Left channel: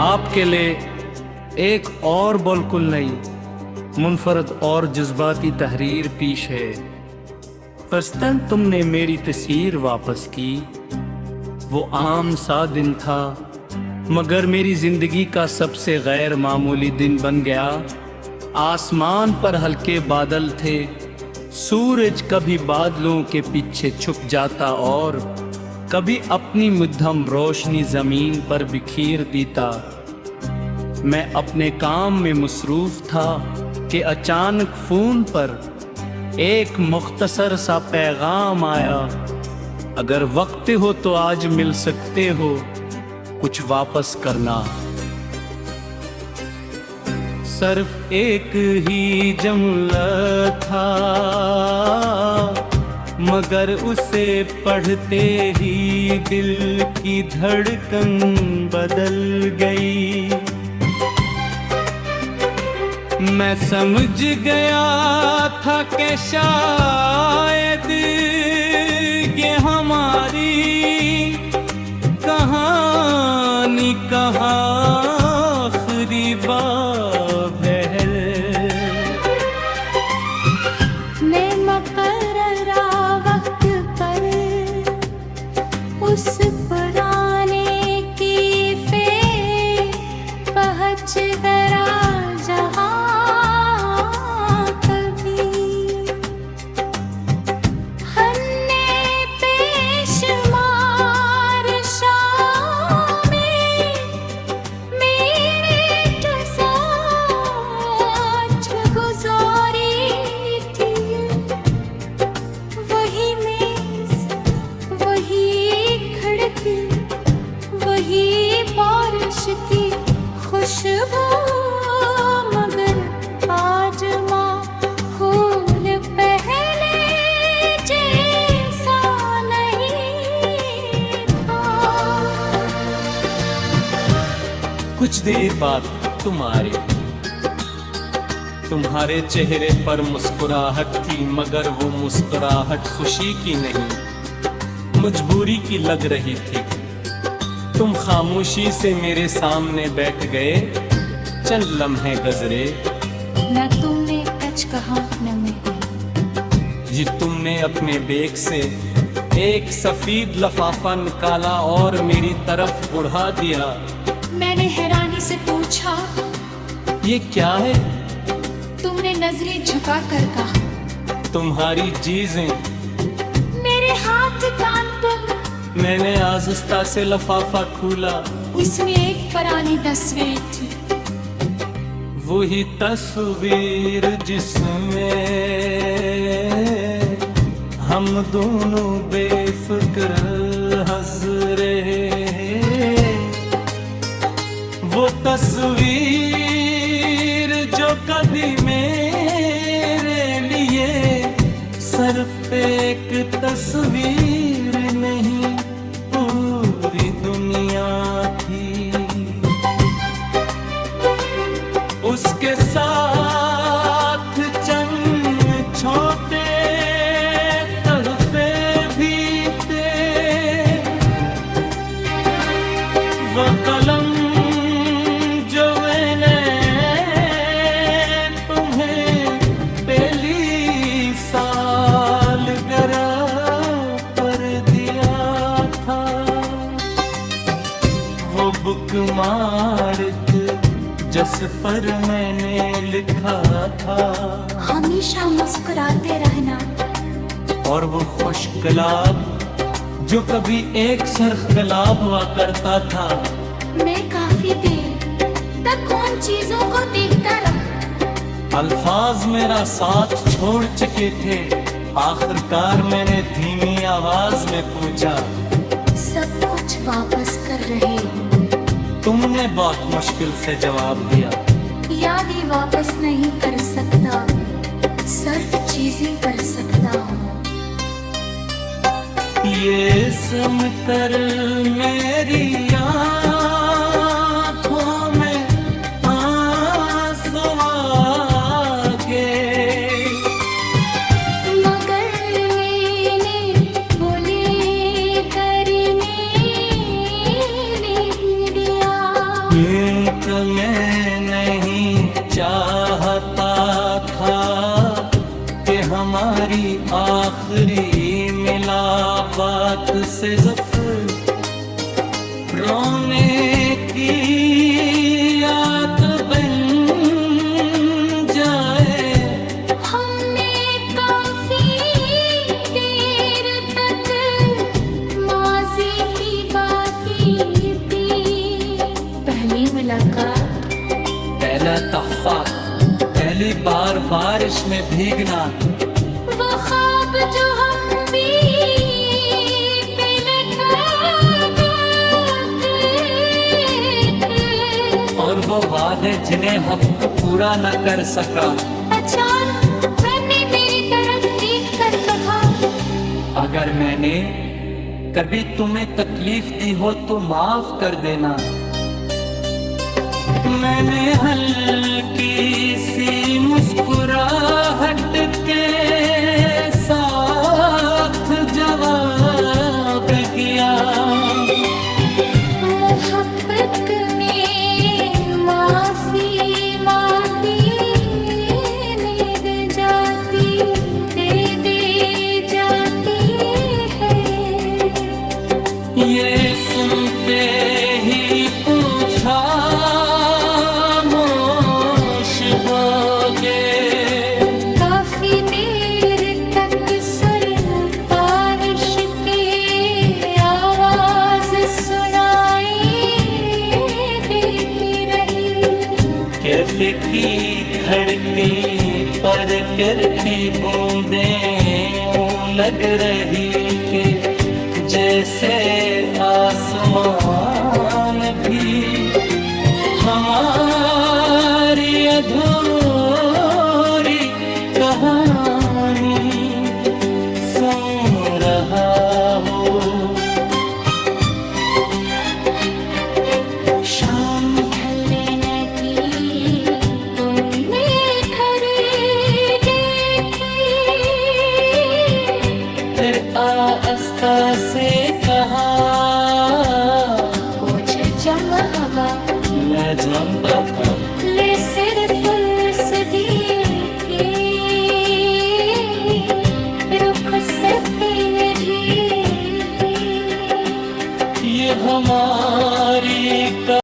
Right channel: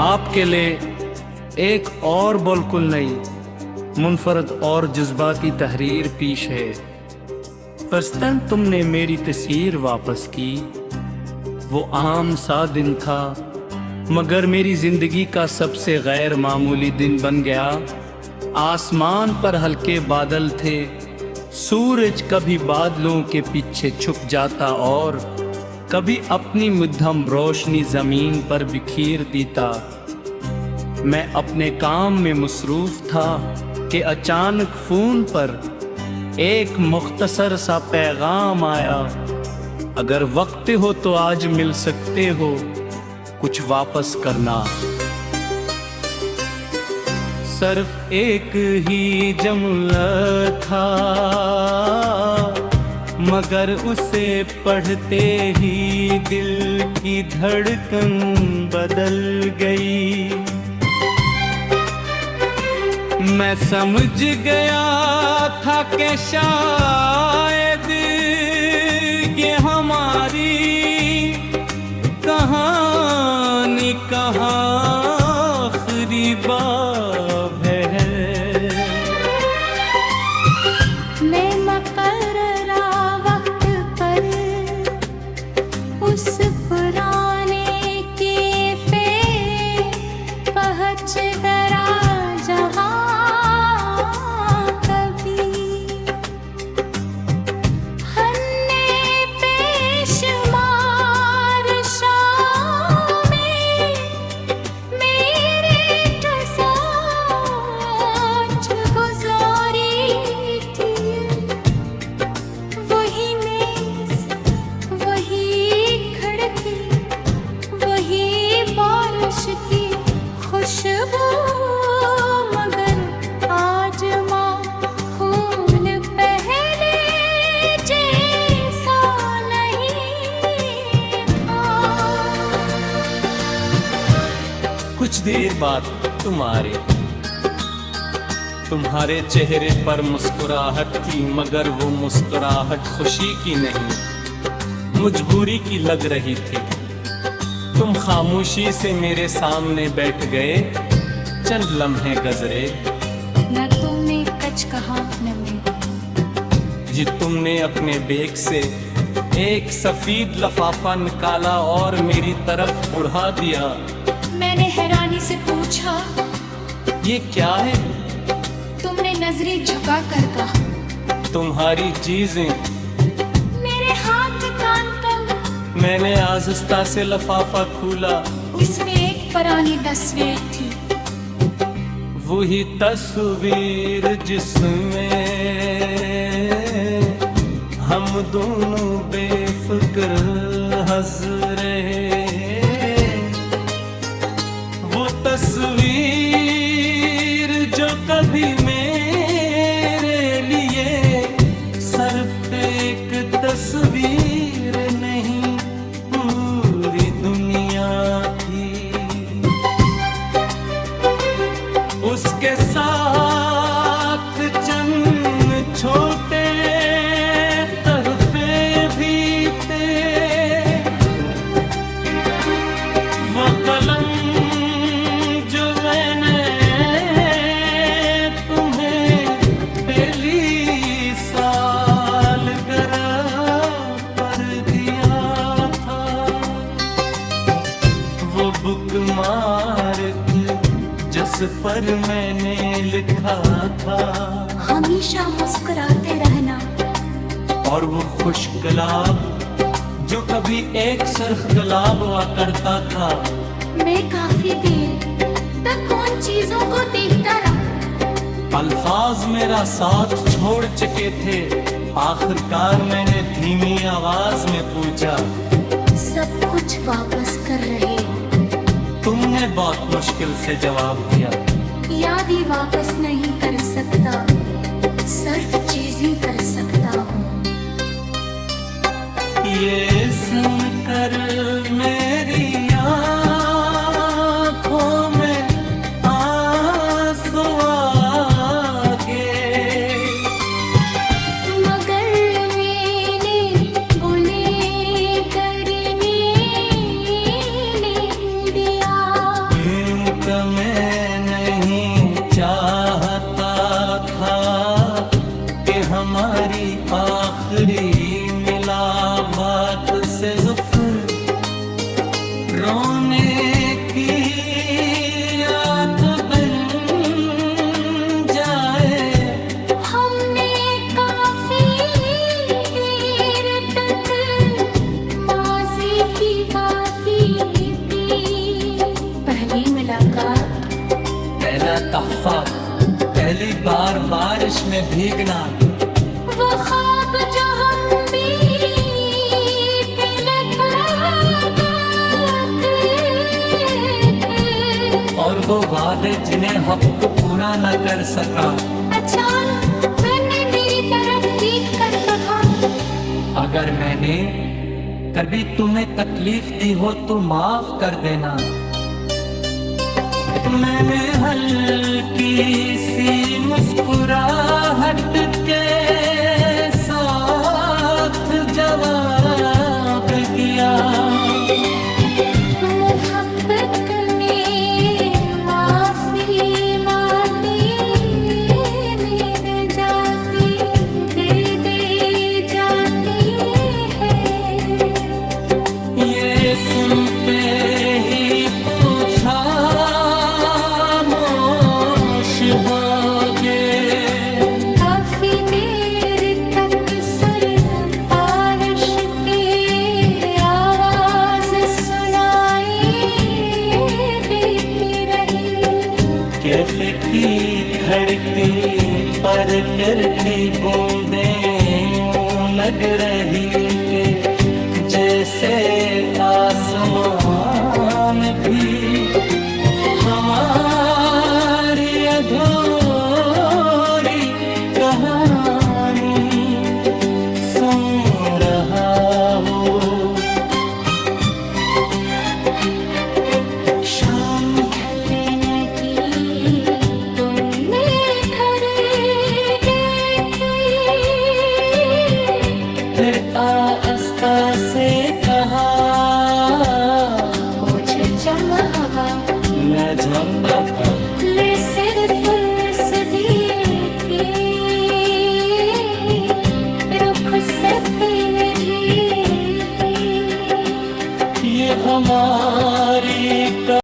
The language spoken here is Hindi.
आपके लिए एक और बिल्कुल नई मुनफरद और जज्बाती तहरीर पेश है। फस्तन तुमने मेरी तस्वीर वापस की। वो आम सा दिन था मगर मेरी जिंदगी का सबसे गैर मामूली दिन बन गया। आसमान पर हल्के बादल थे, सूरज कभी बादलों के पीछे छुप जाता और कभी अपनी मध्यम रोशनी जमीन पर बिखेर देता। मैं अपने काम में मसरूफ था कि अचानक फोन पर एक मुख्तसर सा पैगाम आया, अगर वक्त हो तो आज मिल सकते हो, कुछ वापस करना। सिर्फ एक ही जुमला था मगर उसे पढ़ते ही दिल की धड़कन बदल गई। मैं समझ गया था कि शायद ये हमारी कहानी कहाँ आखिरी बाब है। मैं मुकर्ररा वक्त पर उस पुराने कैफे पहुँच गया जहाँ कभी हमने पेशमार शामें मेरे साथ गुजारी थी। वही मेज, वही खिड़की, वही बारिश की खुशबू, मगर आज माहौल पहले जैसा नहीं था। कुछ देर बाद तुम्हारे चेहरे पर मुस्कुराहट थी, मगर वो मुस्कुराहट खुशी की नहीं, मजबूरी की लग रही थी। तुम खामोशी से मेरे सामने बैठ गए, चंद लम्हे गुजरे। न तुमने कुछ कहा न मैं। जी तुमने अपने बैग से एक सफेद लफाफा निकाला और मेरी तरफ बढ़ा दिया। मैंने हैरानी से पूछा, ये क्या है? तुमने नजरें झुका कर कहा, तुम्हारी चीजें। मेरे हाथ कान पर। मैंने आहिस्ता से लफाफा खोला। उसमें एक पुरानी तस्वीर थी, वही तस्वीर जिसमें हम दोनों बेफिक्र हंस रहे। वो तस्वीर जो कभी मेरे लिए सिर्फ एक तस्वीर नहीं, पूरी दुनिया थी। उसके साथ चंद छोटे तोहफे भी थे, वो कलम जो मैंने तुम्हें पहली सालगिरह पर दिया था, वो बुकमार्क जिस पर मैंने लिखा था, हमेशा मुस्कुराते रहना। और वो खुश गुलाब जो कभी एक सरख गुलाब हुआ करता था। मैं काफी देर तक उन चीजों को देखता रहा। अल्फाज मेरा साथ छोड़ चुके थे। आखिरकार मैंने धीमी आवाज में पूछा, सब कुछ वापस कर रहे हो? तुमने बहुत मुश्किल से जवाब दिया, याद ही वापस नहीं कर सकता, सिर्फ चीजें कर सकता हूँ। ये सुनकर मेरी आँखों में आंसू आ गए, मगर मैंने बोले करने नहीं दिया। ये में नहीं चाहता था कि हमारी आखिरी मिलावत से जुल्फ रोने की याद बन जाए। हमने काफी देर तक माजी की बातें दी। पहली मुलाकात, पहला तहफा, पहली बार बारिश में भीगना, वो ख्वाब जो हम भी पहले करते थे, और वो वादे जिन्हें हक पूरा न कर सका। अचानक मैंने मेरी तरफ देख कर कहा, अगर मैंने कभी तुम्हें तकलीफ दी हो तो माफ कर देना। मैंने हल्की सी मुस्कुराहट के साथ जवाब दिया, मोहब्बत में माफी माटी मिल जाती, दे जाती है। ये सुनते ही पूछा हो गए। काफी देर तक सुर बारिश की आवाज सुनाई देती रही। कैफे की खड़की पर करती बूंदें यूं लग रही कि जैसे आसमान भी हमारी अधूरी कहानी सुन रहा हूँ। शाम ढलने लगी, तुमने खरीदी थी। फिर आस्ता से कहा, पूछे जम हवा, मैं जम बैठा। ले सिर पुलिस दी थी, रुख से पी रही। ये हमारा